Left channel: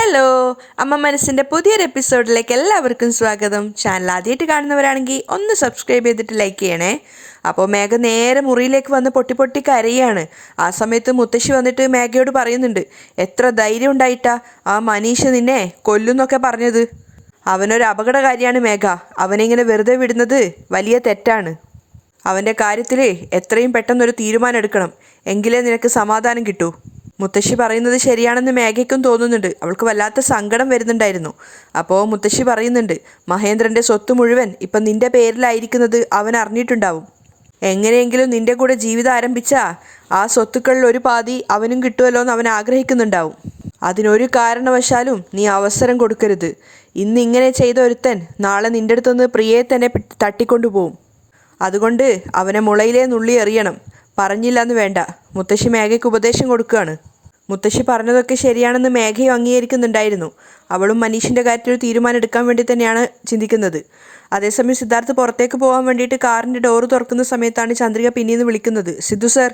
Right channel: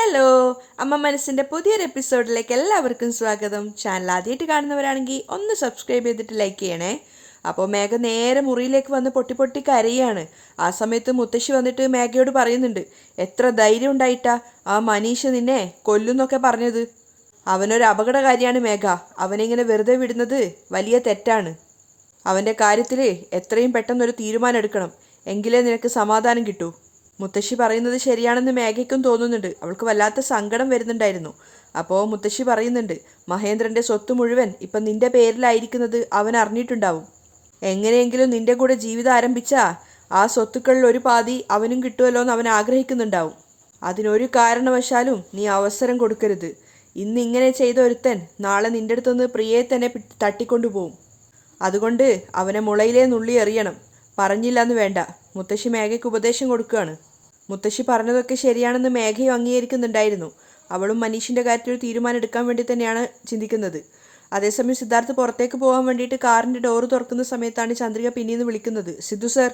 Hello, അമ്മ മനസ്സിൻ്റെ പുതിയൊരു എപ്പിസോഡിലേക്ക് എല്ലാവർക്കും സ്വാഗതം. ചാനൽ ആദ്യമായിട്ട് കാണുന്നവരാണെങ്കിൽ ഒന്ന് സബ്സ്ക്രൈബ് ചെയ്തിട്ട് ലൈക്ക് ചെയ്യണേ. അപ്പോൾ മേഘ നേരെ മുറിയിലേക്ക് വന്ന് പൊട്ടി പൊട്ടി കരയാണ്. ആ സമയത്ത് മുത്തശ്ശി വന്നിട്ട് മേഘയോട് പറയുന്നുണ്ട്, എത്ര ധൈര്യം ഉണ്ടായിട്ടാ ആ മനീഷ് നിന്നെ കൊല്ലുന്നൊക്കെ പറഞ്ഞത്. അവനൊരു അപകടകാരിയാണ് മേഘ. അവനിങ്ങനെ വെറുതെ വിടുന്നത് വലിയ തെറ്റാണ്. അവൻ്റെ കാര്യത്തിൽ എത്രയും പെട്ടെന്നൊരു തീരുമാനം എടുക്കണം, എങ്കിലേ നിനക്ക് സമാധാനം കിട്ടൂ. മുത്തശ്ശി പറയുന്നത് ശരിയാണെന്ന് മേഘയ്ക്കും തോന്നുന്നുണ്ട്. അവൾക്ക് വല്ലാത്ത സങ്കടം വരുന്നുണ്ടായിരുന്നു. അപ്പോൾ മുത്തശ്ശി പറയുന്നുണ്ട്, മഹേന്ദ്രൻ്റെ സ്വത്ത് മുഴുവൻ ഇപ്പം നിൻ്റെ പേരിലായിരിക്കുന്നത് അവൻ അറിഞ്ഞിട്ടുണ്ടാവും. എങ്ങനെയെങ്കിലും നിൻ്റെ കൂടെ ജീവിതം ആരംഭിച്ചാൽ ആ സ്വത്തുക്കളിൽ ഒരു പാതി അവനും കിട്ടുമല്ലോ എന്ന് അവൻ ആഗ്രഹിക്കുന്നുണ്ടാവും. അതിനൊരു കാരണവശാലും നീ അവസരം കൊടുക്കരുത്. ഇന്ന് ഇങ്ങനെ ചെയ്ത ഒരുത്തൻ നാളെ നിൻ്റെ അടുത്തുനിന്ന് പ്രിയയെ തന്നെ തട്ടിക്കൊണ്ടുപോകും. അതുകൊണ്ട് അവനെ മുളയിലേ നുള്ളി എറിയണം. പറഞ്ഞില്ല എന്ന് വേണ്ട. മുത്തശ്ശി മേഘയ്ക്ക് ഉപദേശം കൊടുക്കുകയാണ്. മുത്തശ്ശി പറഞ്ഞതൊക്കെ ശരിയാണെന്ന് മേഘയും അംഗീകരിക്കുന്നുണ്ടായിരുന്നു. അവളും മനീഷിൻ്റെ കാര്യത്തിൽ ഒരു തീരുമാനം എടുക്കാൻ വേണ്ടി തന്നെയാണ് ചിന്തിക്കുന്നത്. അതേസമയം സിദ്ധാർത്ഥ് പുറത്തേക്ക് പോകാൻ വേണ്ടിയിട്ട് കാറിൻ്റെ ഡോറ് തുറക്കുന്ന സമയത്താണ് ചന്ദ്രിക പിന്നീന്ന് വിളിക്കുന്നത്, സിദ്ധു സർ.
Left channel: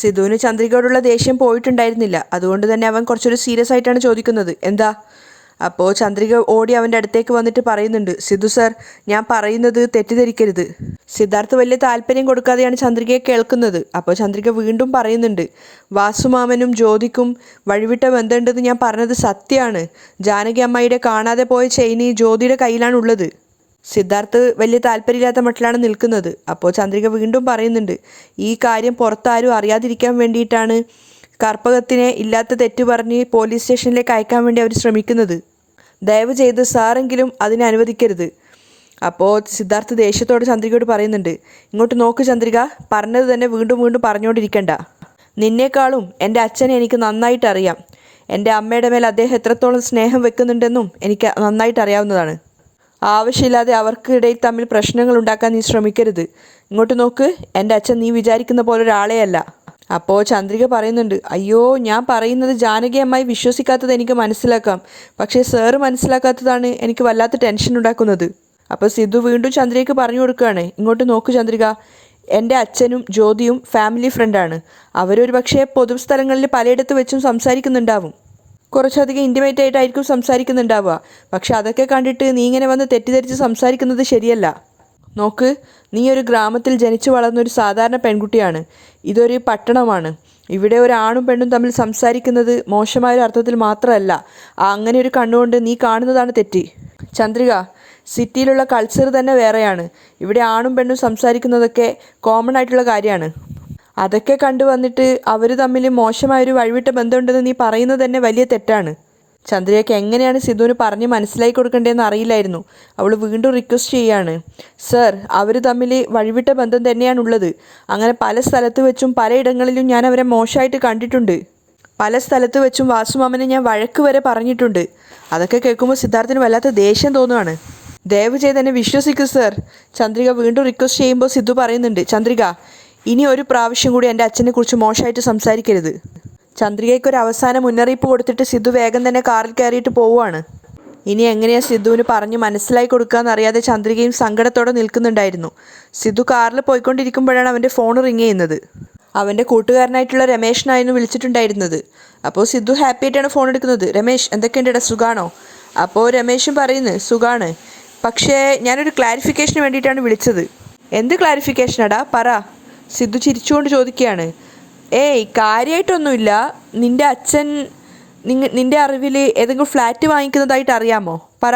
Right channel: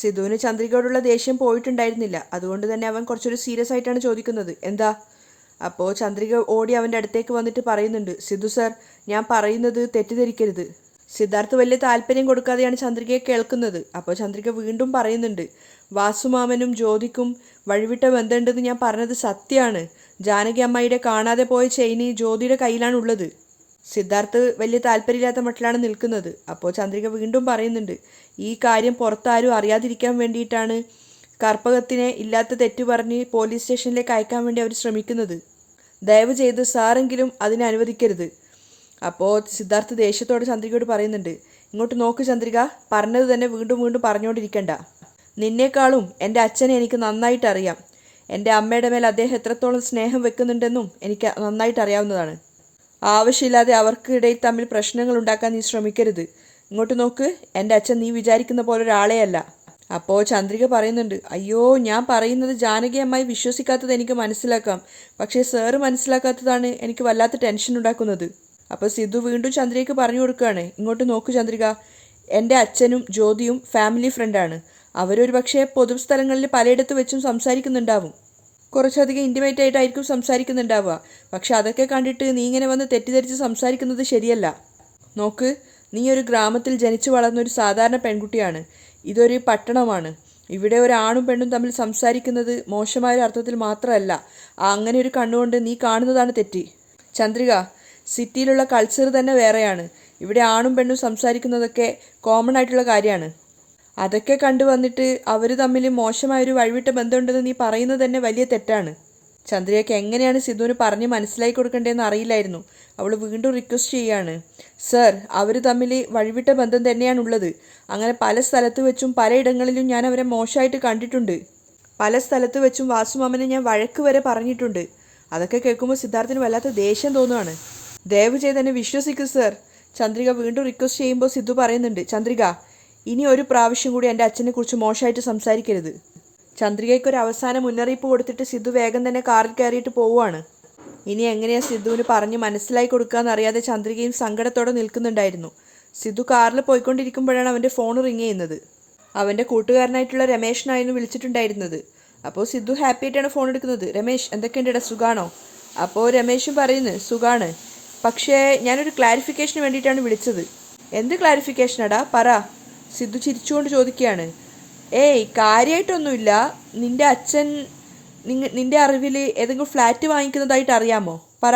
സിദ്ധുവിന് ചന്ദ്രികയോടുള്ള ദേഷ്യം പോയിട്ടുണ്ടായിരുന്നില്ല. അതുകൊണ്ട് തന്നെ അവൻ കുറച്ചൊരു സീരിയസ് ആയിട്ടാണ് ചോദിക്കുന്നത്, എന്താ? അപ്പോൾ ചന്ദ്രിക ഓടി അവൻ്റെ അടുത്തേക്ക് വന്നിട്ട് പറയുന്നുണ്ട്, സിദ്ധു സർ, ഞാൻ പറയുന്നത് തെറ്റിദ്ധരിക്കരുത്. സിദ്ധാർത്ഥ് വലിയ താല്പര്യം കൊടുക്കാതെയാണ് ചന്ദ്രികയെ കേൾക്കുന്നത്. അപ്പോൾ ചന്ദ്രിക വീണ്ടും പറയുന്നുണ്ട്, വാസുമാമനും ജ്യോതിക്കും വഴിവിട്ട ബന്ധമുണ്ടെന്ന് ഞാൻ പറഞ്ഞത് സത്യമാണ്. ജാനകി അമ്മായിയുടെ കാണാതെ പോയ ചെയിന് ജ്യോതിയുടെ കയ്യിലാണുള്ളത്. സിദ്ധാർത്ഥ് വലിയ താല്പര്യമില്ലാത്ത മട്ടിലാണ് നിൽക്കുന്നത്. അപ്പോൾ ചന്ദ്രിക വീണ്ടും പറയുന്നുണ്ട്, ഈ കാര്യം പുറത്താരും അറിയാതിരിക്കാൻ വേണ്ടിയിട്ടാണ് കർപ്പകത്തിനെ ഇല്ലാത്ത തെറ്റ് പറഞ്ഞ് പോലീസ് സ്റ്റേഷനിലേക്ക് അയക്കാൻ വേണ്ടി അവർ ശ്രമിക്കുന്നത്. ദയവ് ചെയ്ത് സാറെങ്കിലും അതിനെ അനുവദിക്കരുത്. അപ്പോൾ സിദ്ധാർത്ഥ് ദേഷ്യത്തോടെ ചന്ദ്രികയോട് പറയുന്നുണ്ട്, ഇങ്ങോട്ട് നോക്ക് ചന്ദ്രിക, പറഞ്ഞത് തന്നെ വീണ്ടും വീണ്ടും പറഞ്ഞുകൊണ്ടിരിക്കണ്ട. നിന്നേക്കാളും എൻ്റെ അച്ഛനെ എനിക്ക് നന്നായിട്ട് അറിയാം. എൻ്റെ അമ്മയുടെ മേൽ അദ്ദേഹം എത്രത്തോളം സ്നേഹം വെക്കുന്നുണ്ടെന്നും എനിക്ക് നന്നായിട്ട് അറിയാവുന്നതാണ്. ആവശ്യമില്ലാതെ അവർക്കിടയിൽ തമ്മിൽ പ്രശ്നങ്ങൾ ഉണ്ടാക്കാൻ നീ ശ്രമിക്കരുത്. ഇങ്ങോട്ട് നോക്ക്, എൻ്റെ അച്ഛൻ നീ വിചാരിക്കുന്ന പോലെ ഒരാളെ അല്ല. അപ്പോൾ ചന്ദ്രിക പറയുന്നുണ്ട്, അയ്യോ, ഞാൻ പറയുന്നത് ജാനകി അമ്മായി വിശ്വസിക്കാത്തത് എനിക്ക് മനസ്സിലാക്കാം. പക്ഷേ സാറ് മനസ്സിലാക്കാത്തതാണ് എനിക്ക് വല്ലാത്ത ടെൻഷൻ ഉണ്ടാക്കുന്നത്. അപ്പോൾ സിദ്ധു വീണ്ടും ചന്ദ്രികയ്ക്ക് പറഞ്ഞു കൊടുക്കുകയാണ്, ഇങ്ങോട്ട് നോക്കൂ ചന്ദ്രിക, എൻ്റെ അച്ഛനും ജ്യോതിയും ഫാമിലി ഫ്രണ്ടാണ്. അവരൊരു പക്ഷേ പൊതുസ്ഥലങ്ങളിൽ പലയിടത്ത് വെച്ചും സംസാരിക്കുന്നുണ്ടാവും. കുറച്ചധികം ഇൻറ്റിമേറ്റ് ആയിട്ടായിരിക്കും സംസാരിക്കുന്നുണ്ടാവുക. പക്ഷെ അതൊക്കെ കണ്ടിട്ട് നീ ഇങ്ങനെ വന്ന് തെറ്റിദ്ധരിച്ച് സംസാരിക്കുന്നത് ശരിയല്ല. നോക്ക്, നീ ഒരു ഗ്രാമത്തിൽ ജനിച്ചു വളർന്നൊരു സാധാരണ പെൺകുട്ടിയാണ്. ഇതൊരു പട്ടണമാണ്. ഇവിടെ ഒരു ആണും പെണ്ണും തമ്മിൽ സംസാരിക്കുന്നത് മോശമായൊരു അർത്ഥത്തിൽ മാത്രമല്ല. അങ്ങനെ ഒരു കണ്ണുകൊണ്ട് നീ കാണുന്നതാണ് തെറ്റ്. ചന്ദ്രിക, സിറ്റിയിലുള്ള കൾച്ചർ തന്നെ വേറെയാണ്. ഇവിടെ ആണും പെണ്ണും സംസാരിക്കുന്നതൊക്കെ കോമൺ ആയിട്ടുള്ള കാര്യമാണ്. അതൊക്കെ കണ്ടുവന്നിട്ട് അവർ തമ്മിൽ മോശമായൊരു വഴിവിട്ട ബന്ധമുണ്ടെന്ന് നീ പറയുന്നത് തന്നെ വലിയ തെറ്റാണ്. ചന്ദ്രികയ്ക്ക് എങ്ങനെയാണ് സിദ്ധുവിന് പറഞ്ഞ് മനസ്സിലാക്കി കൊടുക്കേണ്ടതെന്ന് അറിയില്ലായിരുന്നു. അവൾ വീണ്ടും റിക്വസ്റ്റ് ചെയ്യാണ്, സർ, അവർ തമ്മിൽ വഴിവിട്ട ബന്ധം തന്നെയാണുള്ളത്. അങ്ങനെ പല സ്ഥലത്ത് വെച്ചും പലയിടങ്ങളിലും ഞാൻ അവരെ മോശമായിട്ട് കണ്ടിട്ടുണ്ട്. പല സ്ഥലത്ത് വെച്ചും വാസുമാമനെ ഞാൻ വഴക്ക് വരെ പറഞ്ഞിട്ടുണ്ട്. അതൊക്കെ കേൾക്കുമ്പോൾ സിദ്ധാർത്ഥിന് വല്ലാത്ത ദേഷ്യം തോന്നുകയാണ്. ദയവ് ചെയ്ത് എന്നെ വിശ്വസിക്കൂ സർ. ചന്ദ്രിക വീണ്ടും റിക്വസ്റ്റ് ചെയ്യുമ്പോൾ സിദ്ധു പറയുന്നുണ്ട്, ചന്ദ്രിക, ഇനി ഒരു പ്രാവശ്യം കൂടി എൻ്റെ അച്ഛനെക്കുറിച്ച് മോശമായിട്ട് സംസാരിക്കരുത്. ചന്ദ്രികയ്ക്കൊരു അവസാന മുന്നറിയിപ്പ് കൊടുത്തിട്ട് സിദ്ധു വേഗം തന്നെ കാറിൽ കയറിയിട്ട് പോവുകയാണ്. ഇനി എങ്ങനെയാണ് സിദ്ധുവിന് പറഞ്ഞ് മനസ്സിലാക്കി കൊടുക്കാമെന്നറിയാതെ ചന്ദ്രികയും സങ്കടത്തോടെ നിൽക്കുന്നുണ്ടായിരുന്നു. സിദ്ധു കാറിൽ പോയിക്കൊണ്ടിരിക്കുമ്പോഴാണ് അവൻ്റെ ഫോൺ റിങ് ചെയ്യുന്നത്. അവൻ്റെ കൂട്ടുകാരനായിട്ടുള്ള രമേഷിനായിരുന്നു വിളിച്ചിട്ടുണ്ടായിരുന്നത്. അപ്പോൾ സിദ്ധു ഹാപ്പി ആയിട്ടാണ് ഫോൺ എടുക്കുന്നത്. രമേഷ്, എന്തൊക്കെയുണ്ടെടാ, സുഖാണോ? അപ്പോൾ രമേഷും പറയുന്നത്, സുഖാണ്. പക്ഷേ ഞാനൊരു ക്ലാരിഫിക്കേഷന് വേണ്ടിയിട്ടാണ് വിളിച്ചത്. എന്ത് ക്ലാരിഫിക്കേഷനാടാ, പറ. സിദ്ധു ചിരിച്ചുകൊണ്ട് ചോദിക്കുകയാണ്. ഏയ്, കാര്യമായിട്ടൊന്നുമില്ല. നിൻ്റെ അച്ഛൻ നിൻ്റെ അറിവിൽ ഏതെങ്കിലും ഫ്ലാറ്റ് വാങ്ങിക്കുന്നതായിട്ട് അറിയാമോ? പറ.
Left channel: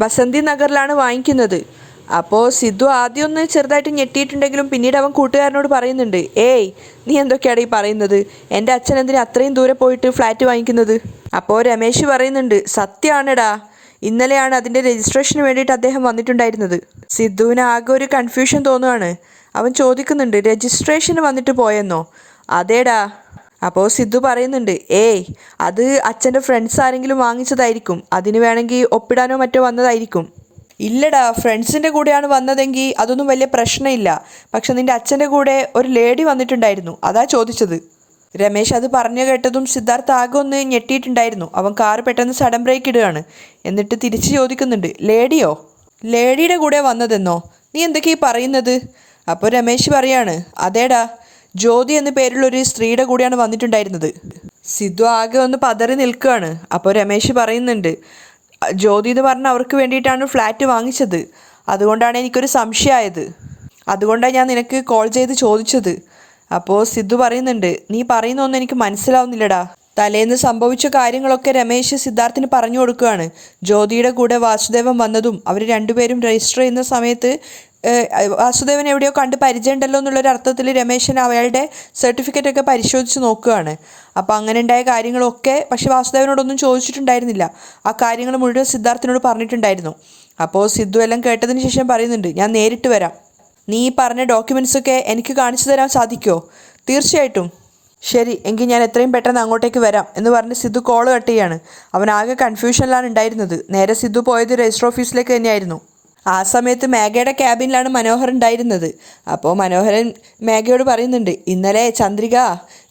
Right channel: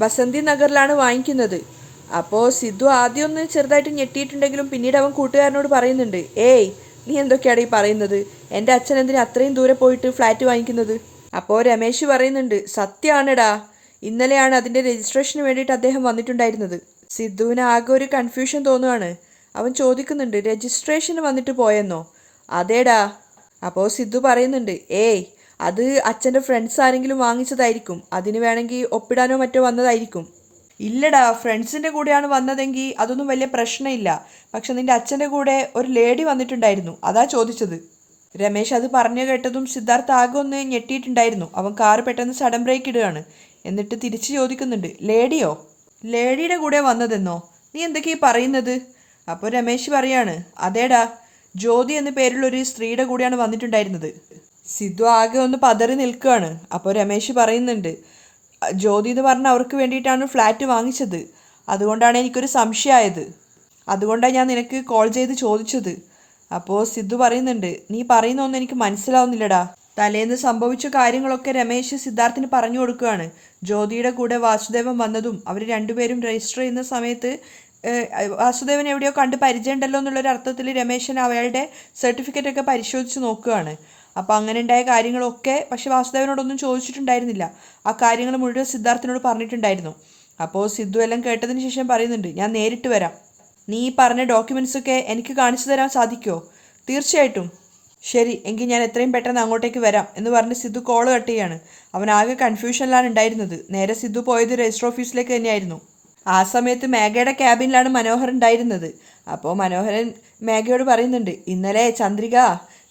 ബസന്തി നഗറിലാണ് വാങ്ങിക്കുന്നത്. അപ്പോൾ സിദ്ധു ആദ്യം ഒന്ന് ചെറുതായിട്ട് ഞെട്ടിയിട്ടുണ്ടെങ്കിലും പിന്നീട് അവൻ കൂട്ടുകാരനോട് പറയുന്നുണ്ട്, ഏയ്, നീ എന്തൊക്കെയാണ് ഈ പറയുന്നത്? എൻ്റെ അച്ഛൻ എന്തിനാ അത്രയും ദൂരെ പോയിട്ട് ഫ്ലാറ്റ് വാങ്ങിക്കുന്നത്? അപ്പോൾ രമേശ് പറയുന്നുണ്ട്, സത്യമാണെടാ, ഇന്നലെയാണ് അതിൻ്റെ രജിസ്ട്രേഷന് വേണ്ടിയിട്ട് അദ്ദേഹം വന്നിട്ടുണ്ടായിരുന്നത്. സിദ്ധുവിന് ആകെ ഒരു കൺഫ്യൂഷൻ തോന്നുകയാണ്. അവൻ ചോദിക്കുന്നുണ്ട്, രജിസ്ട്രേഷന് വന്നിട്ട് പോയെന്നോ? അതേടാ. അപ്പോൾ സിദ്ധു പറയുന്നുണ്ട്, ഏയ്, അത് അച്ഛൻ്റെ ഫ്രണ്ട്സ് ആരെങ്കിലും വാങ്ങിച്ചതായിരിക്കും. അതിന് വേണമെങ്കിൽ ഒപ്പിടാനോ മറ്റോ വന്നതായിരിക്കും. ഇല്ലടാ, ഫ്രണ്ട്സിൻ്റെ കൂടെയാണ് വന്നതെങ്കിൽ അതൊന്നും വലിയ പ്രശ്നമില്ല. പക്ഷെ നിൻ്റെ അച്ഛൻ്റെ കൂടെ ഒരു ലേഡി വന്നിട്ടുണ്ടായിരുന്നു, അതാ ചോദിച്ചത്. രമേശ് അത് പറഞ്ഞു കേട്ടതും സിദ്ധാർത്ഥ് ആകെ ഒന്ന് ഞെട്ടിയിട്ടുണ്ടായിരുന്നു. അവൻ കാറ് പെട്ടെന്ന് സഡൻ ബ്രേക്ക് ഇടുകയാണ്. എന്നിട്ട് തിരിച്ച് ചോദിക്കുന്നുണ്ട്, ലേഡിയോ? ലേഡിയുടെ കൂടെ വന്നതെന്നോ? നീ എന്തൊക്കെയാ പറയുന്നത്? അപ്പോൾ രമേശ് പറയാണ്, അതേടാ, ജ്യോതി എന്ന പേരിലുള്ളൊരു സ്ത്രീയുടെ കൂടെയാണ് വന്നിട്ടുണ്ടായിരുന്നത്. സിദ്ധു ആകെ ഒന്ന് പതറി നിൽക്കുകയാണ്. അപ്പോൾ രമേശ് പറയുന്നുണ്ട്, ജ്യോതി എന്ന് പറഞ്ഞ അവർക്ക് വേണ്ടിയിട്ടാണ് ഫ്ലാറ്റ് വാങ്ങിച്ചത്, അതുകൊണ്ടാണ് എനിക്കൊരു സംശയമായത്, അതുകൊണ്ടാണ് ഞാൻ നിനക്ക് കോൾ ചെയ്ത് ചോദിച്ചത്. അപ്പോൾ സിദ്ധു പറയുന്നുണ്ട്, നീ പറയുന്നൊന്നും എനിക്ക് മനസ്സിലാവുന്നില്ലടാ. തലേന്ന് സംഭവിച്ച കാര്യങ്ങളൊക്കെ രമേശ് സിദ്ധാർത്ഥിന് പറഞ്ഞു കൊടുക്കുകയാണ്. ജ്യോതിയുടെ കൂടെ വാസുദേവൻ വന്നതും അവർ രണ്ടുപേരും രജിസ്റ്റർ ചെയ്യുന്ന സമയത്ത് വാസുദേവൻ എവിടെയോ കണ്ട് പരിചയമുണ്ടല്ലോ എന്നുള്ളൊരു അർത്ഥത്തിൽ രമേശൻ അയാളുടെ സർട്ടിഫിക്കറ്റൊക്കെ പരിശോധിച്ച് നോക്കുകയാണ്. അപ്പോൾ അങ്ങനെ ഉണ്ടായ കാര്യങ്ങളൊക്കെ പക്ഷേ വാസുദേവനോടൊന്നും ചോദിച്ചിട്ടുണ്ടായിരുന്നില്ല. ആ കാര്യങ്ങൾ മുഴുവൻ സിദ്ധാർത്ഥിനോട് പറഞ്ഞിട്ടുണ്ടായിരുന്നു. അപ്പോൾ സിദ്ധു എല്ലാം കേട്ടതിന് ശേഷം പറയുന്നുണ്ട്, ഞാൻ നേരിട്ട് വരാം. നീ പറഞ്ഞ ഡോക്യുമെൻറ്റ്സൊക്കെ എനിക്ക് കാണിച്ചു തരാൻ സാധിക്കുമോ? തീർച്ചയായിട്ടും. ശരി, എങ്കിൽ ഞാൻ എത്രയും പെട്ടെന്ന് അങ്ങോട്ടേക്ക് വരാം എന്ന് പറഞ്ഞ് സിദ്ധു കോൾ കട്ട് ചെയ്യാണ്. അവനാകെ കൺഫ്യൂഷനിലാണ് ഉണ്ടായിരുന്നത്. നേരെ സിദ്ധു പോയത് രജിസ്റ്റർ ഓഫീസിലേക്ക് തന്നെയായിരുന്നു. ആ സമയത്ത് മേഘയുടെ ക്യാബിനിലാണ് മനോഹർ ഉണ്ടായിരുന്നത്. അപ്പോൾ മനോഹരൻ മേഘയോട് പറയുന്നുണ്ട്, ഇന്നലെ ചന്ദ്രിക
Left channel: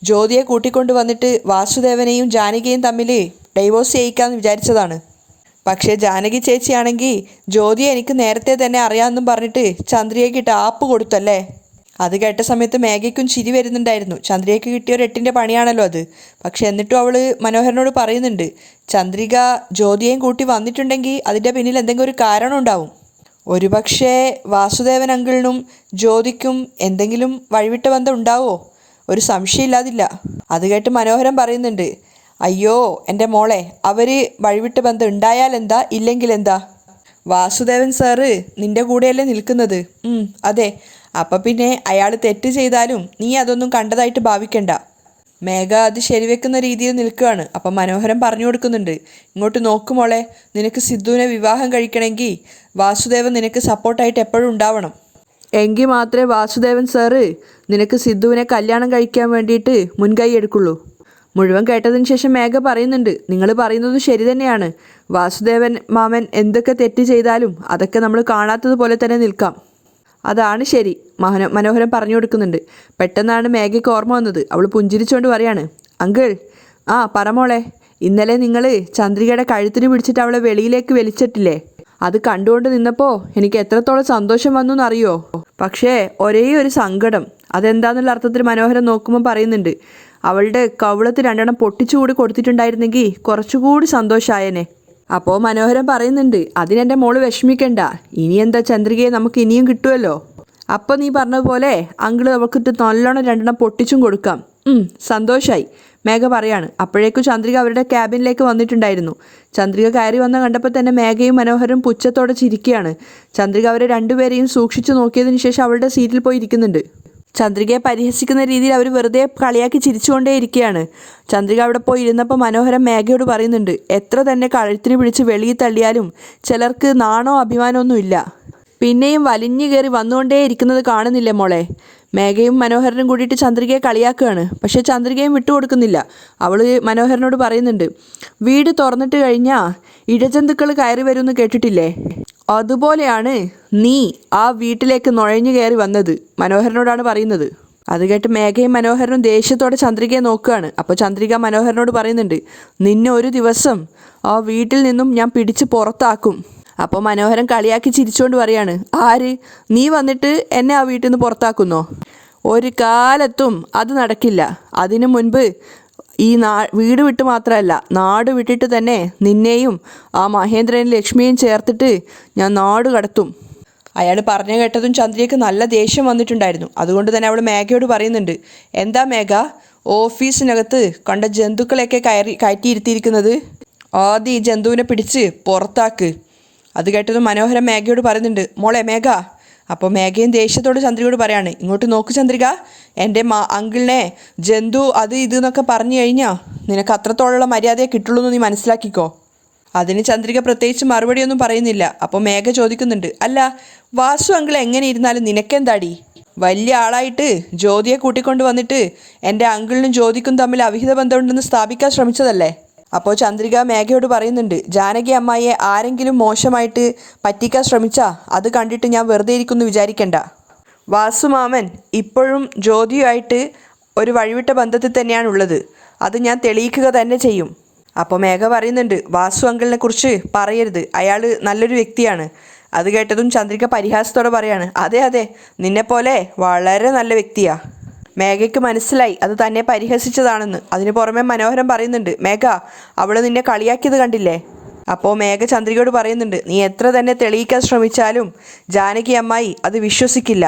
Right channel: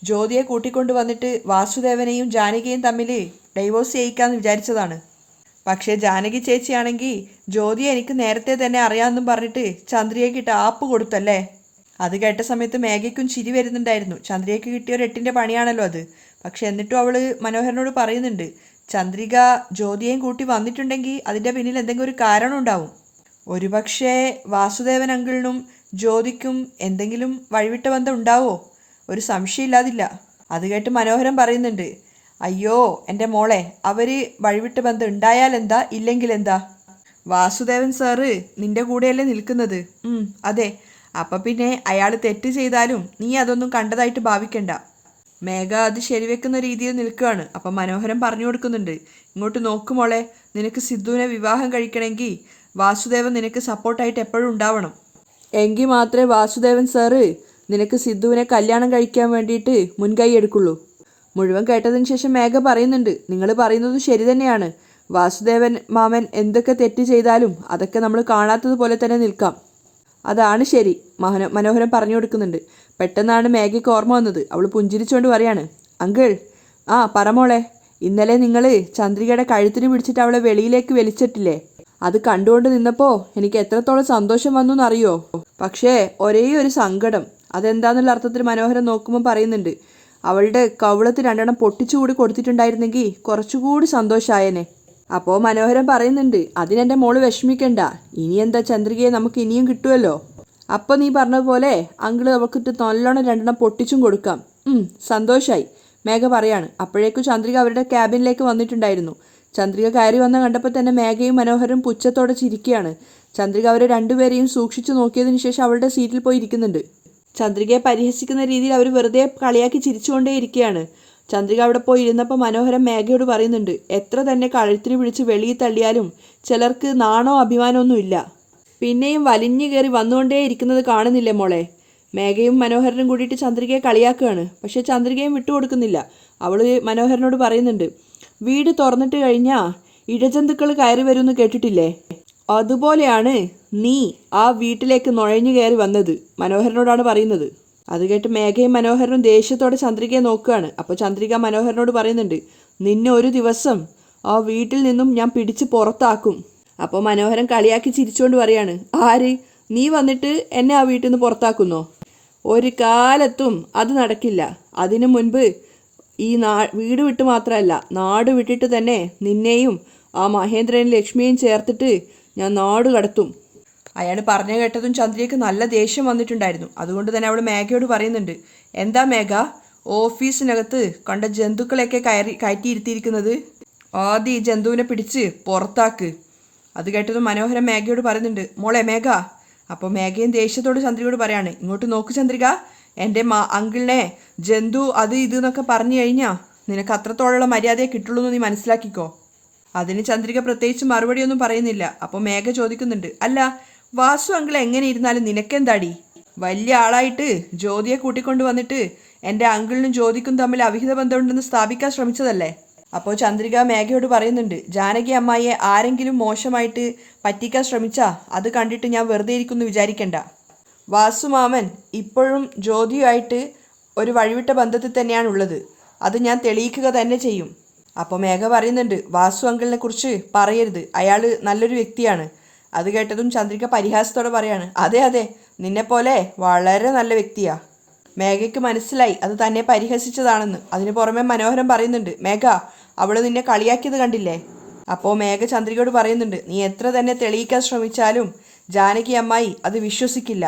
ജ്യോതിയെ കൂട്ടിക്കൊണ്ട് വന്നിട്ട് വാസുദേവനെയും ജാനകിയും തമ്മിൽ ഡൈവോഴ്സ് ചെയ്യിക്കാമെന്ന് വിചാരിച്ചതാണ്. പക്ഷേ ജാനകി ചേച്ചിയാണെങ്കിൽ ജ്യോതിയെ എനിക്ക് നേരത്തെ തന്നെ അറിയാമെന്നും പറഞ്ഞിട്ട് ചന്ദ്രികയ്ക്ക് ആപ്പ് കൊടുത്തല്ലേ. അത് കേട്ട സമയത്ത് മേഘയ്ക്കും ചിരി വരുന്നുണ്ടായിരുന്നു. ചന്ദ്രികയ്ക്ക് കിട്ടിയ ഒരു 8ൻ്റെ പണിയാണല്ലോ അത്. പക്ഷെ എന്നിട്ടും അവൾ മനോഹരനോട് പറയുന്നുണ്ട്, ചന്ദ്രിക ജ്യോതിയെയും കൂട്ടി വന്നിട്ടുണ്ടെങ്കിൽ അതിൻ്റെ പിന്നിൽ എന്തെങ്കിലും ഒരു കാരണം ഉണ്ടാവും. ഒരുപക്ഷേ വാസുദേവൻ അങ്കിളിനും ജ്യോതിക്കും എന്തെങ്കിലും വഴിവിട്ട ബന്ധം ഉണ്ടാവോ? ഒരു സംശയമില്ലാതില്ല. അത് കേട്ട് മനോഹരൻ പറയുന്നുണ്ട്, അയ്യോ എൻ്റെ മോളെ, അവർ വഴിവിട്ട ബന്ധം ഉണ്ടായാൽ എന്താ, ഇല്ലെങ്കിൽ എന്താ? വാസുദേവൻ സാറ് നിൻ്റെ കൂടെയല്ലേ നിൽക്കുന്നത്? അതെ. അപ്പം പിന്നെ അയാൾ തെറ്റ് ചെയ്താലും നീ അതൊന്നും കണ്ടതായിട്ട് ഭാവിക്കണ്ട. മേഘ അത് ശരിവെക്കുന്ന രീതിയിൽ നിൽക്കുകയാണ്. അപ്പം മനോഹരൻ പറഞ്ഞു കൊടുക്കുന്നുണ്ട്, ഇങ്ങോട്ട് നോക്കുമോളെ, നിനക്ക് സിദ്ധുവിനെ വിവാഹം കഴിക്കണമെങ്കിൽ വാസുദേവൻ നിനക്ക് സപ്പോർട്ടായിട്ട് എപ്പോഴും ഉണ്ടാവണം. എങ്കിൽ മാത്രമേ വാസുദേവൻ സാറ് നിനക്ക് സിദ്ധുവിനെ കല്യാണം കഴിക്കാൻ വേണ്ടിയിട്ട് മുൻകൈ എടുക്കുള്ളൂ. മുഴുവൻ കേട്ടതിന് ശേഷം മേഘ പറയുന്നുണ്ട്, നിങ്ങൾ പറയുന്നത് ശരി തന്നെയാണ്. വാസുദേവൻ മാമൻ എന്തൊക്കെ തെറ്റ് ചെയ്താലും അതൊക്കെ നമ്മൾ കാണാത്തതുപോലെ തന്നെ നിൽക്കാം. അതാണ് ശരി. മനോഹരൻ പറഞ്ഞു കൊടുക്കുന്നുണ്ട്. പെട്ടെന്നാണ് മേഘയ്ക്ക് ഓർമ്മ വന്നത്. അവൾ പുഞ്ചിരിച്ചുകൊണ്ട് പറയാണ്, അങ്കിൾ, പറമോളെ, ഇന്നലെ നിങ്ങൾ ചന്ദ്രികയുടെ കഴുത്തിന് പിടിച്ചിട്ട് അവളെ വെളിയിലേക്ക് വലിച്ചിട്ടില്ലേ? അത് കണ്ടുകൊണ്ട് നിന്നപ്പോൾ എനിക്ക് എത്രത്തോളം സന്തോഷം വന്നു എന്നറിയോ? പക്ഷേ ഒരേ ഒരു സങ്കടം. അതെന്താന്നുള്ള അർത്ഥത്തിൽ മനോഹരൻ നോക്കുമ്പോൾ പറയുന്നുണ്ട്, അവളുടെ കവിളത്ത് 2 പൊട്ടിച്ചുകൂടി കൊടുത്തിട്ടുണ്ടായിരുന്നെങ്കിൽ കുറച്ചുകൂടി സന്തോഷമായേനെ. അപ്പോൾ മനോഹരൻ പറയുന്നുണ്ട്, അതിനെൻ്റെ മോള് വിഷമിക്കണ്ട. ഇനി എന്താ, ചന്ദ്രികയെ നമുക്ക് ഇനിയും കിട്ടുമല്ലോ. അപ്പോൾ നീ പറഞ്ഞതുപോലെ അങ്കിള് അവൾക്കിട്ട് നല്ലോണം 2 പൊട്ടിച്ചും കൊടുക്കാം. സന്തോഷമായി, മേഘ പറയാണ്. അപ്പോഴേക്കും ചന്ദ്രിക അവരുടെ ക്യാബിനിലേക്ക് വന്നിട്ടുണ്ടായിരുന്നു. ചന്ദ്രിക കയറി വന്ന കണ്ടപ്പോൾ തന്നെ മേഘയും മനോഹരും പുച്ഛത്തോടെ ചിരിക്കുകയാണ്. ചന്ദ്രിക അവരെ രണ്ടുപേരെയും സൂക്ഷിച്ചു നോക്കിയതിന് ശേഷം അവളുടെ സീറ്റിൽ പോയി ഇരിക്കുന്നുണ്ട്. ചന്ദ്രികയെ പരിഹസിക്കുന്ന രീതിയിൽ അവർ വെറുതെ കളിയാക്കി ചിരിച്ചുകൊണ്ടേ ഇരിക്കുകയാണ്. ചന്ദ്രിക അവിടെ പോയി ഇരുന്നപ്പോൾ മനോഹരൻ മേഘയോട് പറയുന്നുണ്ട്, എത്ര തന്നെ കഴുത്തിന് പിടിച്ച് വെളിയിൽ തള്ളിയാലും ചിലർക്ക് നാണോ അഭിമാനമൊന്നും ഇല്ല. പിന്നെയും വലിഞ്ഞു കയറി വന്നുകൊണ്ടേ ഇരിക്കുന്നത് കാണുന്നില്ലേ മോളെ? മേഘയും മനോഹരനും കൂടിയിട്ട് ചന്ദ്രികയെ കളിയാക്കുകയാണ്. പക്ഷേ ചന്ദ്രികയും വിട്ടുകൊടുക്കുന്നില്ല. അവൾ മനോഹരനോട് പറയുന്നുണ്ട്, വീട് തുറന്നിട്ട് കഴിഞ്ഞാൽ ഇഴജന്തുക്കൾ കയറി വരുമെന്ന് കേട്ടിട്ടില്ലേ? അതുപോലെയാണ് നീ ആ വീട്ടിലേക്ക് നുഴഞ്ഞു കയറി വന്നത്, മനോഹരനോടാണ് പറയുന്നത്. അത് കേട്ട് മേഘയും മനോഹരനും ദേഷ്യത്തോടെ ചന്ദ്രികയെ നോക്കുകയാണ്. അപ്പോൾ ചന്ദ്രിക മനോഹരനോട് പറയുന്നുണ്ട്, നിന്നെ ഒരു ദിവസം ആ വീട്ടിൽ നിന്നും ഞാൻ പിടിച്ച് പുറത്താക്കും. അപ്പോൾ മനോഹരൻ കളിയാക്കി ചിരിച്ചുകൊണ്ട് പറയാണ്, ആര്? നീ വന്നിട്ട് എന്നെ ആ വീട്ടിൽ നിന്ന് പുറത്താക്കുന്നോ? ഒരു കാലത്തും അത് നടക്കില്ല. അതിനു മുൻപ് ഈ വീട് വിട്ട് മാത്രമല്ല, നാട് വിട്ടിട്ട് തന്നെ നിന്നെയും ആ മഹേന്ദ്രനും ലക്ഷ്മിയും ചേർത്തിട്ട് ഞാൻ നാട് കടത്തും. അയാൾ പറഞ്ഞു കേട്ടതും ചന്ദ്രികയ്ക്ക് നല്ല ദേഷ്യം വന്നിട്ടുണ്ടായിരുന്നു. അതുകൊണ്ട് തന്നെ അവൾ മേഘയോട് പറയുന്നുണ്ട്, എന്താ മേഘ, ഓഫീസിനകത്ത് കണ്ട ജന്തുക്കളെയൊക്കെ കയറ്റിയിരുത്തിയിരിക്കുന്നത്? ആദ്യം ഈ ജന്തുവിനെ പിടിച്ച് പുറത്താക്ക്. അത് കേട്ടതും മനോഹരൻ മേഘയോട് പറയുന്നുണ്ട്, മോളെ മേഘ. അപ്പോൾ മേഘയും ദേഷ്യത്തോട് ചന്ദ്രികയോട് പറയാണ്, ഇങ്ങോട്ട് നോക്ക് ചന്ദ്രിക, എൻ്റെ അങ്കിളിനെ ജന്തു അത് ഇത് എന്നൊക്കെ പറഞ്ഞു കഴിഞ്ഞാൽ നിനക്ക് അത്രത്തോളമുള്ള മര്യാദയെ കിട്ടുള്ളൂ എന്ന് നീ മനസ്സിലാക്കിക്കോ. അതിന് ചന്ദ്രിക പ്രത്യേകിച്ച് മറുപടിയൊന്നും പറയുന്നില്ല. അപ്പോൾ മേഘ ചോദിക്കുന്നുണ്ട്, അല്ല വാസു അങ്കിൾ എങ്ങനെ ഇരുന്നാലും നിനക്കെന്താടി? വലിയ ആളായിട്ട് ജ്യോതിയെ കൂട്ടിക്കൊണ്ട് വന്നിട്ട് എൻ്റെ അങ്കിളിനും ജ്യോതിക്കും തമ്മിൽ അവിഹിത ബന്ധമുണ്ടെന്ന് സ്ഥാപിക്കാൻ ശ്രമിച്ചതല്ലേ? അപ്പോൾ ചന്ദ്രിക മേഘയോട് പറയുന്നുണ്ട്, ജാനകി അമ്മായിയെ ആരെങ്കിലും മോശമായിട്ട് പറ്റിക്കാൻ ശ്രമിച്ചാൽ അത് കണ്ടിട്ട് ഞാൻ വെറുതെ ഇരിക്കുമെന്ന് വിചാരിക്കണ്ട. വാസുമാമൻ ഇപ്പോഴും ജ്യോതിയുമായിട്ട് ഒരു വഴിവിട്ട ബന്ധത്തിൽ തന്നെയാണുള്ളത്. അത് ഞാൻ തെളിയിക്കുക തന്നെ ചെയ്യും. അപ്പോൾ മേഘ പറയുന്നുണ്ട്, വാസു അങ്കിളിനെ കുറിച്ച് പറയരുത്, അയാൾ നല്ലൊരു വ്യക്തിയാണ്. അത് കേട്ടതും ചന്ദ്രിക പരിഹാസത്തോടെ പറയാണ്, അതെ അതെ, നിന്നെപ്പോലെ വളരെ നല്ല വ്യക്തിയാ. മേഘയ്ക്ക് മനസ്സിലായി അത് തന്നെ പരിഹസിച്ചതാണെന്ന്. അതിന് പുറമെ മനോഹരൻ പറയുന്നുണ്ട്, മേഘ അവള് നിന്നെ കളിയാക്കിയത് കണ്ടില്ലേ? അപ്പോൾ മേഘ ചന്ദ്രികയോട് പറയുന്നുണ്ട്, നീ എത്ര തന്നെ തെളിയിക്കാൻ ശ്രമിച്ചാലും ജാനകി അമ്മായി അത് വിശ്വസിക്കില്ല.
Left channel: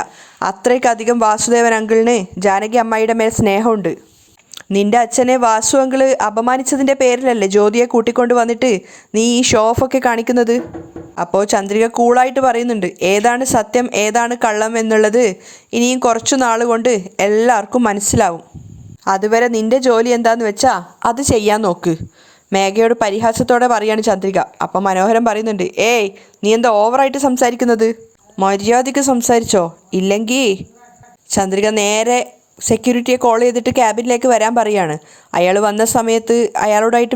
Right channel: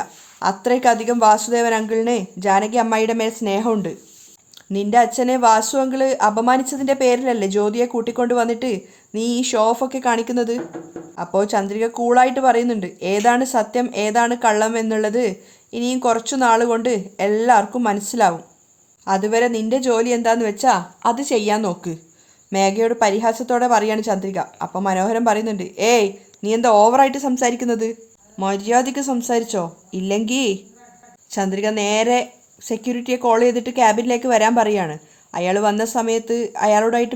അത്രയ്ക്കധികം വാസുദേവൻ അങ്കിളിന് ജാനകി അമ്മായിയുടെ മേൽ സ്നേഹമുണ്ട്. നിന്റെ അച്ഛനെ വാസു അങ്കിള് അപമാനിച്ചതിൻ്റെ പേരിലല്ലേ ജ്യോതിയെ കൂട്ടിക്കൊണ്ട് വന്നിട്ട് നീ ഈ ഷോ ഓഫൊക്കെ കാണിക്കുന്നത്? അപ്പോൾ ചന്ദ്രിക കൂളായിട്ട് പറയുന്നുണ്ട്, ഏതാണ് സത്യം ഏതാണ് കള്ളം എന്നുള്ളത് ഇനിയും കുറച്ചു നാൾ കൊണ്ട് എല്ലാവർക്കും മനസ്സിലാവും. അതുവരെ നിന്റെ ജോലി എന്താന്ന് വെച്ചാൽ അത് ചെയ്യാൻ നോക്ക്. മേഘയോട് പരിഹാസത്തോടെ പറയാണ് ചന്ദ്രിക. അപ്പം മനോഹരൻ പറയുന്നുണ്ട്, ഏയ് നീ എന്താ ഓവറായിട്ട് സംസാരിക്കുന്നത്? മര്യാദയ്ക്ക് സംസാരിച്ചോ, ഇല്ലെങ്കിൽ ചന്ദ്രിക നേരെ സെക്യൂരിറ്റിയെ കോൾ ചെയ്തിട്ട് ക്യാബിനിലേക്ക് വരാൻ പറയാണ്. അയാൾ വന്ന സമയത്ത് അയാളോടായിട്ട്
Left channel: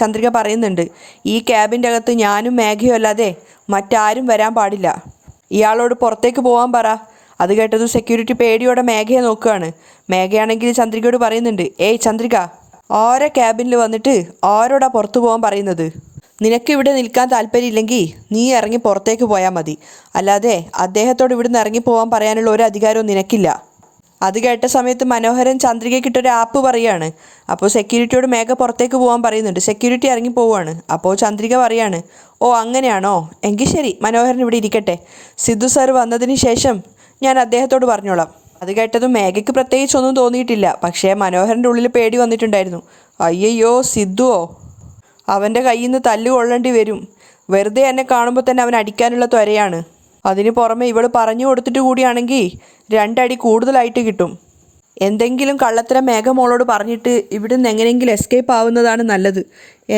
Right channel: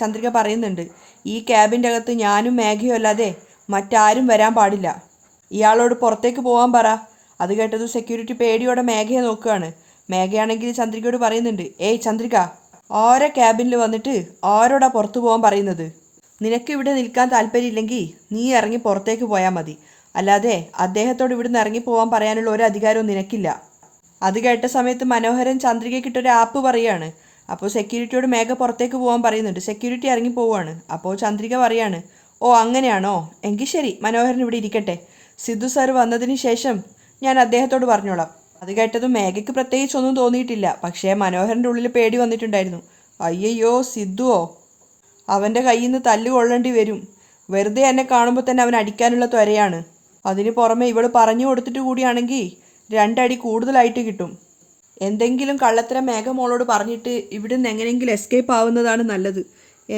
ചന്ദ്രിക പറയുന്നുണ്ട്, ഈ ക്യാബിൻ്റെ അകത്ത് ഞാനും മേഘയും അല്ലാതെ മറ്റാരും വരാൻ പാടില്ല. ഇയാളോട് പുറത്തേക്ക് പോകാൻ പറ. അത് കേട്ടത് സെക്യൂരിറ്റി പേടിയോടെ മേഘയെ നോക്കുകയാണ്. മേഘയാണെങ്കിൽ ചന്ദ്രികയോട് പറയുന്നുണ്ട്, ഏയ് ചന്ദ്രിക, ഓരോ ക്യാബിനിൽ വന്നിട്ട് ആരോടാ പുറത്തു പോകാൻ പറയുന്നത്? നിനക്ക് ഇവിടെ നിൽക്കാൻ താല്പര്യമില്ലെങ്കിൽ നീ ഇറങ്ങി പുറത്തേക്ക് പോയാൽ മതി. അല്ലാതെ അദ്ദേഹത്തോട് ഇവിടുന്ന് ഇറങ്ങി പോകാൻ പറയാനുള്ള ഒരു അധികാരവും നിനക്കില്ല. അത് കേട്ട സമയത്ത് മനോഹരൻ ചന്ദ്രികയ്ക്കിട്ടൊരു ആപ്പ് പറയാണ്. അപ്പോൾ സെക്യൂരിറ്റിയോട് മേഘ പുറത്തേക്ക് പോകാൻ പറയുന്നുണ്ട്. സെക്യൂരിറ്റി ഇറങ്ങി പോവുകയാണ്. അപ്പോൾ ചന്ദ്രിക പറയാണ്, ഓ അങ്ങനെയാണോ, എങ്കിൽ ശരി, മനോഹരൻ ഇവിടെ ഇരിക്കട്ടെ. സിദ്ധു സാർ വന്നതിന് ശേഷം ഞാൻ അദ്ദേഹത്തോട് പറഞ്ഞോളാം. അത് കേട്ടതും മേഘയ്ക്ക് പ്രത്യേകിച്ചൊന്നും തോന്നിയിട്ടില്ല. പക്ഷേ മനോഹരൻ്റെ ഉള്ളിൽ പേടി വന്നിട്ടുണ്ടായിരുന്നു. അയ്യയ്യോ, സിദ്ധുവോ, അവൻ്റെ കയ്യിൽ നിന്ന് തല്ലു കൊള്ളേണ്ടി വരും. വെറുതെ എന്നെ കാണുമ്പോൾ തന്നെ അവൻ അടിക്കാനുള്ള ത്വരയാണ്. അതിന് പുറമെ ഇവൾ പറഞ്ഞു കൊടുത്തിട്ട് കൂടിയാണെങ്കിൽ 2 അടി കൂടുതലായിട്ട് കിട്ടും. എന്തെങ്കിലും കള്ളത്തരം മേഘ മോളോട് പറഞ്ഞിട്ട് ഇവിടുന്ന് എങ്ങനെയെങ്കിലും എസ്കേപ്പ് ആവുന്നതാണ് നല്ലത്.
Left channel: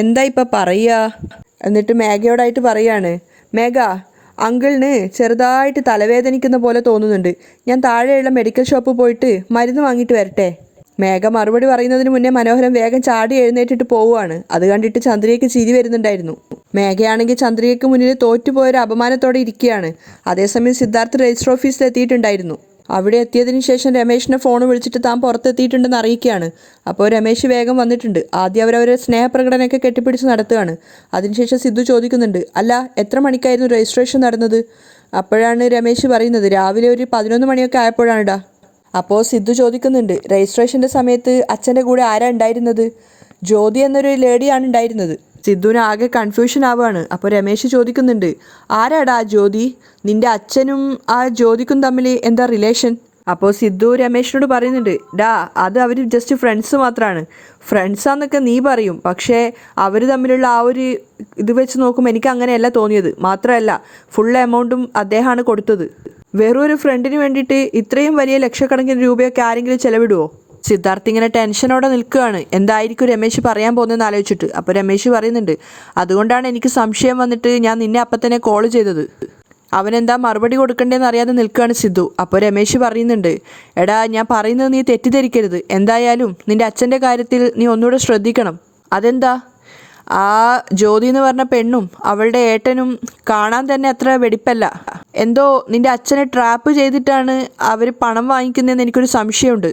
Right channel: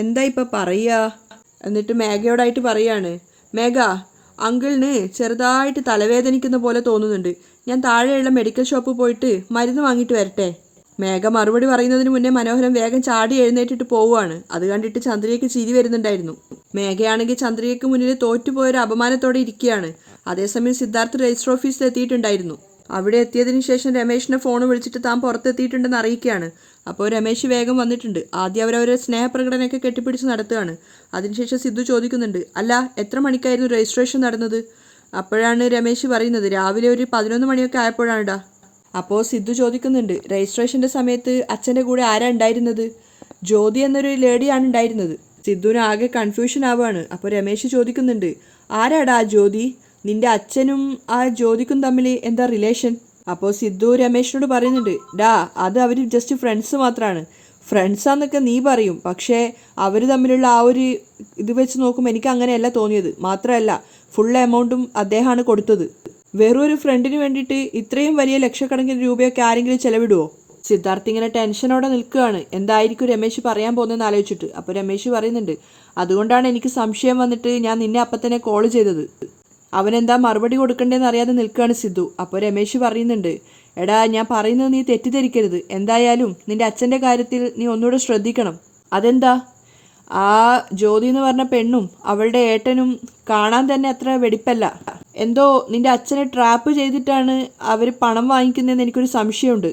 എന്താ ഇപ്പം പറയുക? എന്നിട്ട് മേഘയോടായിട്ട് പറയാണ്, മേഘ അങ്കിളിന് ചെറുതായിട്ട് തലവേദനിക്കുന്ന പോലെ തോന്നുന്നുണ്ട്. ഞാൻ താഴെയുള്ള മെഡിക്കൽ ഷോപ്പിൽ പോയിട്ട് മരുന്ന് വാങ്ങിയിട്ട് വരട്ടെ? മേഘ മറുപടി പറയുന്നതിന് മുന്നേ മനോഹരൻ വേഗം ചാടി എഴുന്നേറ്റിട്ട് പോവുകയാണ്. അത് കണ്ടിട്ട് ചന്ദ്രികയ്ക്ക് ചിരി വരുന്നുണ്ടായിരുന്നു. മേഘയാണെങ്കിൽ ചന്ദ്രികയ്ക്ക് മുന്നിൽ തോറ്റുപോയൊരു അപമാനത്തോടെ ഇരിക്കുകയാണ്. അതേസമയം സിദ്ധാർത്ഥ് രജിസ്റ്റർ ഓഫീസിൽ എത്തിയിട്ടുണ്ടായിരുന്നു. അവിടെ എത്തിയതിനു ശേഷം രമേശിനെ ഫോൺ വിളിച്ചിട്ട് താൻ പുറത്തെത്തിയിട്ടുണ്ടെന്ന് അറിയിക്കുകയാണ്. അപ്പോൾ രമേശ് വേഗം വന്നിട്ടുണ്ട്. ആദ്യം അവരവരെ സ്നേഹപ്രകടനമൊക്കെ കെട്ടിപ്പിടിച്ച് നടത്തുകയാണ്. അതിനുശേഷം സിദ്ധു ചോദിക്കുന്നുണ്ട്, അല്ല എത്ര മണിക്കായിരുന്നു രജിസ്ട്രേഷൻ നടന്നത്? അപ്പോഴാണ് രമേശ് പറയുന്നത്, രാവിലെ ഒരു 11 മണിയൊക്കെ ആയപ്പോഴാണിടാ. അപ്പോൾ സിദ്ധു ചോദിക്കുന്നുണ്ട്, രജിസ്ട്രേഷൻ്റെ സമയത്ത് അച്ഛൻ്റെ കൂടെ ആരാ ഉണ്ടായിരുന്നത്? ജ്യോതി എന്നൊരു ലേഡിയാണ് ഉണ്ടായിരുന്നത്. സിദ്ധുവിന് ആകെ കൺഫ്യൂഷൻ ആവുകയാണ്. അപ്പോൾ രമേശ് ചോദിക്കുന്നുണ്ട്, ആരാടാ ജ്യോതി? നിന്റെ അച്ഛനും ആ ജ്യോതിക്കും തമ്മിൽ എന്താ റിലേഷൻ? അപ്പോൾ സിദ്ധു രമേശിനോട് പറയുന്നുണ്ട്, ഡാ അത് അവർ ജസ്റ്റ് ഫ്രണ്ട്സ് മാത്രമാണ്. ഫ്രണ്ട്സാന്നൊക്കെ നീ പറയും, പക്ഷേ അവർ തമ്മിലുള്ള ആ ഒരു ഇത് വെച്ച് നോക്കുമ്പോൾ എനിക്ക് അങ്ങനെയല്ല തോന്നിയത്. മാത്രമല്ല ഫുൾ എമൗണ്ടും അദ്ദേഹമാണ് കൊടുത്തത്. വെറും ഒരു ഫ്രണ്ടിന് വേണ്ടിയിട്ട് ഇത്രയും വലിയ ലക്ഷക്കണക്കിന് രൂപയൊക്കെ ആരെങ്കിലും ചെലവിടുമോ? സിദ്ധാർത്ഥ് ഇങ്ങനെ ടെൻഷനോടെ നിൽക്കുകയാണ്. എന്തായിരിക്കും രമേശ് പറയാൻ പോകുന്നതെന്ന് ആലോചിച്ചിട്ട്. അപ്പോൾ രമേശ് പറയുന്നുണ്ട്, അതുകൊണ്ടാണ് എനിക്ക് സംശയം വന്നിട്ട് ഞാൻ നിന്നെ അപ്പം തന്നെ കോൾ ചെയ്തത്. അവനെന്താ മറുപടി കൊടുക്കണ്ടേന്ന് അറിയാതെ നിൽക്കുകയാണ് സിദ്ധു. അപ്പോൾ രമേശ് പറയുന്നുണ്ട്, എടാ ഞാൻ പറയുന്നത് നീ തെറ്റിദ്ധരിക്കരുത്. എന്തായാലും നിന്റെ അച്ഛൻ്റെ കാര്യത്തിൽ നീ ഒന്നുകൂടെ ശ്രദ്ധിക്കണം. അതെന്താ? ആ ജ്യോതി എന്ന് പറഞ്ഞ പെണ്ണും അവളുടെ ഏട്ടനും കാണാൻ തന്നെ അത്ര വെടിപ്പല്ല. എന്തോ നിന്റെ അച്ഛനെ ട്രാപ്പ് ചെയ്തിട്ടാണ് അവർ പണം വാങ്ങിക്കുന്നതെന്ന് എനിക്കൊരു സംശയമുണ്ട്.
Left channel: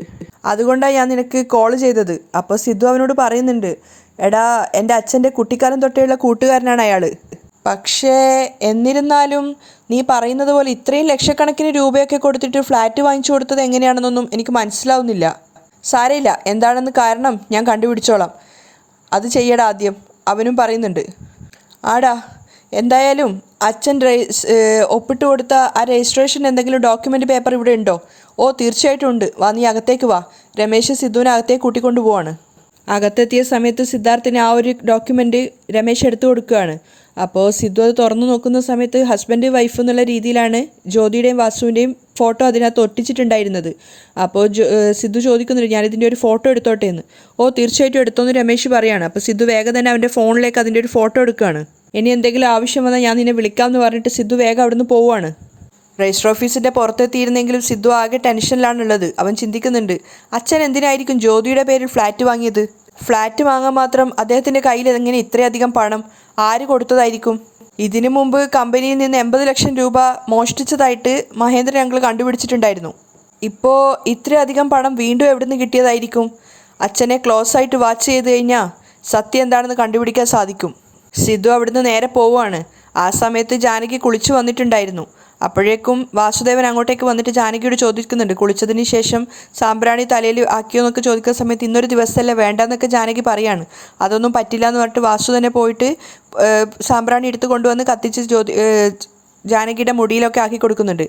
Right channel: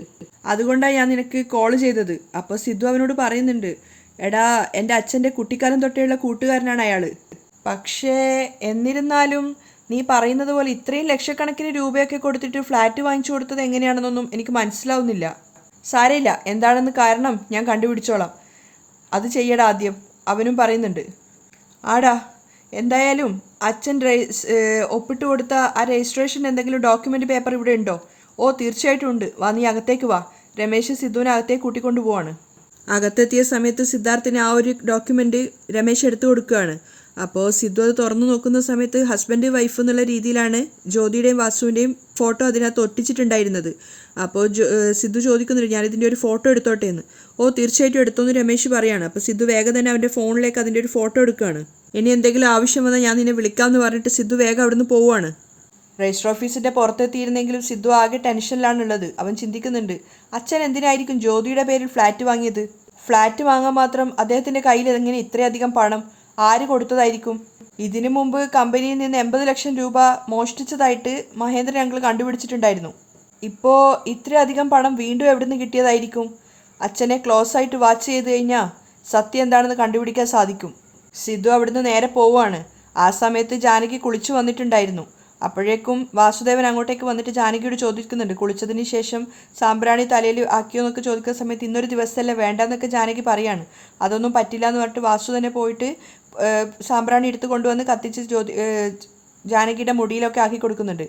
അതുകൊണ്ടാണ് ഞാൻ നിനക്ക് കോൾ ചെയ്തത്. അപ്പോൾ സിദ്ധു അവനോട് പറയുന്നുണ്ട്, എടാ എൻ്റെ അച്ഛൻ്റെ കുട്ടിക്കാലം തൊട്ടേയുള്ള കൂട്ടുകാരനാണ് അയാൾ. പക്ഷേ എന്നിരുന്നാലും നീ പറയുന്നത് പോലെ ഇത്രയും ലക്ഷക്കണക്കിന് രൂപയൊക്കെ കൊടുത്തിട്ട് ഫ്ലാറ്റ് വാങ്ങിച്ചു കൊടുത്തത് എങ്ങനെയാണെന്നൊന്നും എനിക്ക് മനസ്സിലാവുന്നില്ല. സാരമില്ല, എന്താണെന്ന് കാരണം ഞാൻ കണ്ടുപിടിച്ചോളാം. അത് ചെയ്യടാ ആദ്യം, അവനും പറയുന്നുണ്ട്. ആടാ, എന്തായാലും അച്ഛൻ ഒപ്പിട്ട് കൊടുത്ത ആ രജിസ്ട്രേഷൻ എന്തെങ്കിലും ഡോക്യുമെൻ്റ് പേപ്പർ ഇവിടെ ഉണ്ടോ? ഓ തീർച്ചയായിട്ടും ഉണ്ട്, വാ നീ അകത്തേക്ക് വാ. രമേശ് സിദ്ധുവിനെ അകത്തേക്ക് കൂട്ടിക്കൊണ്ടു പോവാണ്. അകത്തെത്തിയ സമയത്ത് സിദ്ധാർത്ഥിന് ആ ഒരു ഡോക്യുമെൻ്റ് രമേശ് എടുത്തു കൊടുക്കുകയാണ്. അപ്പോൾ സിദ്ധു അത് തുറന്നു നോക്കുന്ന സമയത്ത് ഹസ്ബൻഡ് വൈഫ് എന്നുള്ള രീതിയിലാണ് ജ്യോതിയുടെയും വാസുവിൻ്റെയും ഫോട്ടോ അതിനകത്ത് ഒട്ടിച്ചിട്ടുണ്ടായിരുന്നത്. അപ്പോൾ സിദ്ധു ചോദിക്കുന്നുണ്ട്, ഞാനിതിൻ്റെ ഒരു ഫോട്ടോ എടുത്തോട്ടെ എന്ന്. ഓ തീർച്ചയായിട്ടും എടുത്തോന്ന് രമേശ് പറയാണ്. അപ്പോൾ സിദ്ധു വേഗം തന്നെ അവൻ്റെ ഫോണിലേക്ക് അതിൻ്റെ ഒരു ഫോട്ടോ എടുക്കുകയാണ്. ഇനി എന്തെങ്കിലും ആവശ്യം വന്നാൽ ഞാൻ നിന്നെ വിളിക്കാമെന്ന് പറഞ്ഞിട്ട് സിദ്ധു വേഗം അവിടുന്ന് പോവുകയാണ്. രജിസ്റ്റർ ഓഫീസിൻ്റെ പുറത്തെത്തിയിരുന്നെങ്കിലും സിദ്ധു ആകെ ടെൻഷനിലാണുള്ളത്. അവൻ ചിന്തിക്കുന്നുണ്ട്, അച്ഛൻ എന്തിനായിരിക്കും ജ്യോതിയുടെ പേരിൽ ഫ്ലാറ്റ് വാങ്ങിയത്? ഫ്ലാറ്റ് വാങ്ങാൻ മാത്രം അദ്ദേഹത്തിൻ്റെ കയ്യിൽ എങ്ങനെ ഇത്രയധികം പണം? ആര് കൊടുത്തതായിരിക്കും? ഇതിനു മുമ്പ് കമ്പനിയിൽ നിന്ന് 80 ലക്ഷം രൂപ മോഷ്ടിച്ചതായിട്ട് മഹേന്ദ്രൻ അങ്കിൾ കണ്ടുപിടിച്ചിട്ടുണ്ടായിരുന്നു. ഇപ്പോൾ ഇത്രയധികം പണം വീണ്ടും എവിടെ നിന്ന് കിട്ടിയതായിരിക്കും? അച്ഛനെ ക്ലോസ് ആയിട്ട് വാച്ച് ചെയ്ത് കഴിഞ്ഞാൽ സത്യം എന്താണെന്ന് കണ്ടുപിടിക്കാൻ സാധിക്കും. സിദ്ധു അവിടുന്ന് നേരെ പോവുകയാണ്. ആ സമയത്ത് ജാനകി കുളിച്ചു വന്നിട്ടുണ്ടായിരുന്നു. അപ്പോഴേക്കും വാസുദേവൻ അങ്ങോട്ടേക്ക് വന്നിട്ട് ജാനകിയോട് ചോദിക്കുന്നുണ്ട്, കുളിച്ചതിന് ശേഷം സാമ്പ്രാണി തലയിൽ ആക്കിയോ എന്നൊക്കെ ചോദിക്കുന്ന സമയത്ത് ഇന്നൊരു ദിവസമല്ലേ വേണ്ടെന്നൊക്കെ ജാനകി പറയാണ്. അതൊന്നും പറ്റില്ല എന്ന് പറഞ്ഞിട്ട് വാസു തന്നെ പോയിട്ട് സാമ്പ്രാണി എടുത്ത് കൊണ്ടുവന്ന് കത്തിച്ച് ജാനകിയുടെ മുടിയിലൊക്കെ ആക്കി കൊടുക്കുന്നുണ്ട്.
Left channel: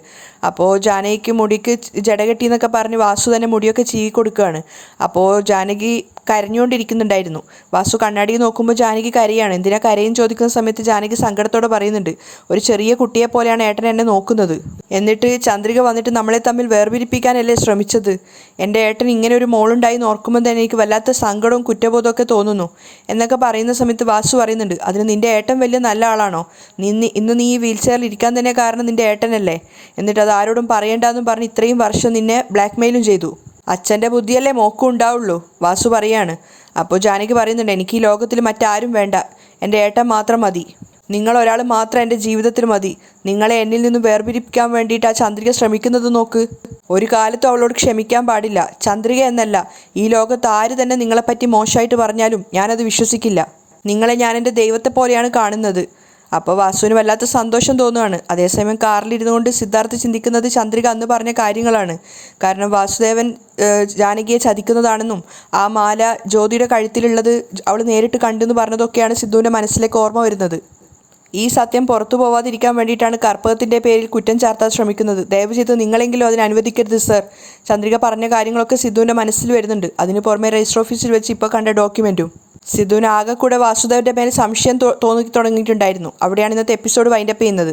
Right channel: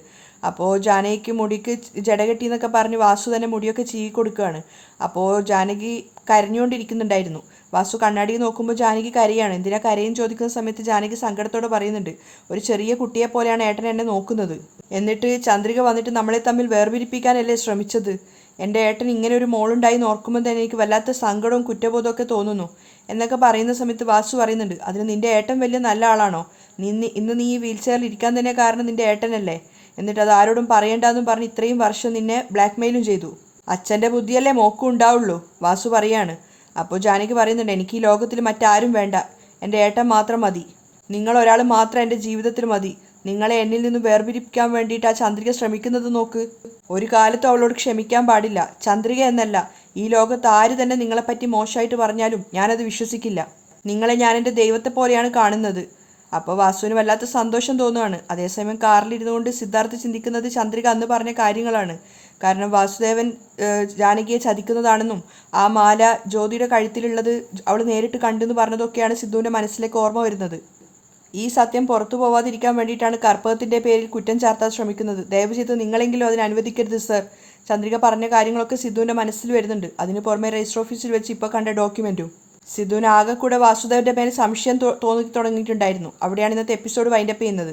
അപ്പോൾ ജാനകിക്ക് മുടിക്ക് ജട കെട്ടി എന്നൊക്കെ പറഞ്ഞ് വാസു തന്നെ മുടിയൊക്കെ ചീവി കൊടുക്കുകയാണ്. അപ്പോൾ ജാനകി കരഞ്ഞുകൊണ്ടിരിക്കുന്നുണ്ടായിരുന്നു. വാസു കണ്ണാടി നോക്കുമ്പോൾ ജാനകി കരയാണ്. എന്തിനാ കരയും ചോദിക്കുന്ന സമയത്ത് ജാനകി സങ്കടത്തോടെ പറയുന്നുണ്ട്, ഒരു ചെറിയ കുട്ടിയെ പോലെയാണ് ഏട്ടൻ എന്നെ നോക്കുന്നത്. എന്നിട്ട് ചന്ദ്രിക വന്നിട്ട് നമ്മളെ തമ്മിൽ വേർപിരിപ്പിക്കാനല്ലേ ശ്രമിച്ചത്. എൻ്റെ ഏട്ടൻ ഇങ്ങനെ ഒരു മോളുണ്ടായി എന്ന് ഓർക്കുമ്പോൾ തന്നെ എനിക്ക് വല്ലാത്ത സങ്കടവും കുറ്റബോധവും ഒക്കെ തോന്നുന്നു എന്നൊക്കെ പറയുന്ന സമയത്ത് വാസു പറയുന്നുണ്ട്, അതിന് നിൻ്റെ ഏട്ടൻ വലിയ നല്ല ആളാണോ? ഇന്ന് നീ ഈ വീൽ ചെയറിൽ ഇരിക്കാൻ തന്നെ കാരണം നിൻ്റെ ഏട്ടനല്ലേ? എന്നിട്ട് അത് ആരോടും പറയണ്ടെന്നും പറഞ്ഞ് ഇത്രയും വർഷം നിന്നെ ബ്ലാക്ക് മെയിലും ചെയ്തു. അച്ഛൻ്റെ ബുദ്ധിയല്ലേ മോക്കും ഉണ്ടാവുള്ളൂ, വാസു പറയാണ്. അപ്പോൾ ജാനകി പറയുന്നുണ്ട്, എനിക്ക് ഈ ലോകത്തിൽ മറ്റാരും വേണ്ട, എൻ്റെ ഏട്ടൻ മാത്രം മതി. നിങ്ങൾ ഒരാൾ മാത്രം എൻ്റെ ജീവിതത്തിൽ മതി. നിങ്ങളെ എന്നിൽ നിന്നും വേർപിരിപ്പിക്കാൻ വേണ്ടിയിട്ട് ആ ചന്ദ്രിക ശ്രമിക്കുന്നത് നോക്ക്. ഒരു കാലത്തും അവളോട് ക്ഷമിക്കാൻ പാടില്ല. ചന്ദ്രിക എന്നല്ല, ഈ ലോകത്ത് ആര് തന്നെ നിങ്ങളെപ്പറ്റി മോശമായിട്ട് പറഞ്ഞാലും ഞാനത് വിശ്വസിക്കില്ല. നിങ്ങളെ ഞാൻ എൻ്റെ ദൈവത്തെ പോലെയാണ് കാണുന്നത്. അപ്പോൾ വാസുവിന് വല്ലാത്ത സന്തോഷം തോന്നുകയാണ്. അതേസമയം കാറിലിരുന്നു കൊണ്ട് സിദ്ധാർത്ഥ് ചിന്തിക്കുന്നത് ചന്ദ്രിക അന്ന് പറഞ്ഞ കാര്യങ്ങളാണ്. കാരണം വാസുദേവൻ ജാനകിയെ ചതിക്കുന്നതാണെന്നും ആ മാല ജ്യോതിയുടെ കഴുത്തിലുള്ളത് അവൾ നേരിട്ട് കണ്ടെന്ന് പറഞ്ഞതൊക്കെയാണ് സിദ്ധുവിൻ്റെ മനസ്സിലേക്ക് ഓർമ്മ വരുന്നത്. ഈ സത്യം പുറത്തു പോവാതിരിക്കാൻ വേണ്ടിയിട്ടാണ് കർപ്പകത്തിൻ്റെ പേരിൽ കുറ്റം ചാർത്താൻ ശ്രമിക്കുന്നത്. ദയവ് ചെയ്ത് നിങ്ങളെങ്കിലും അതിന് അനുവദിക്കരുത് സർ. ചന്ദ്രിക പറഞ്ഞ കാര്യങ്ങളൊക്കെ സിദ്ധുവിൻ്റെ മനസ്സിൽ വരുന്നുണ്ട്. അതിന് പുറമെ രജിസ്റ്റർ ഓഫീസിൽ വെച്ച് ഇപ്പോൾ കണ്ട ഡോക്യുമെൻറ്റും. സിദ്ധുവിന് ആകെ കൂടെ വാസുദേവൻ്റെ മേലെ സംശയം തോന്നി തുടങ്ങിയിട്ടുണ്ടായിരുന്നു. അവിടെയാണ് ഇന്നത്തെ എപ്പിസോഡ് വൈൻഡപ്പ് ചെയ്യുന്നത്.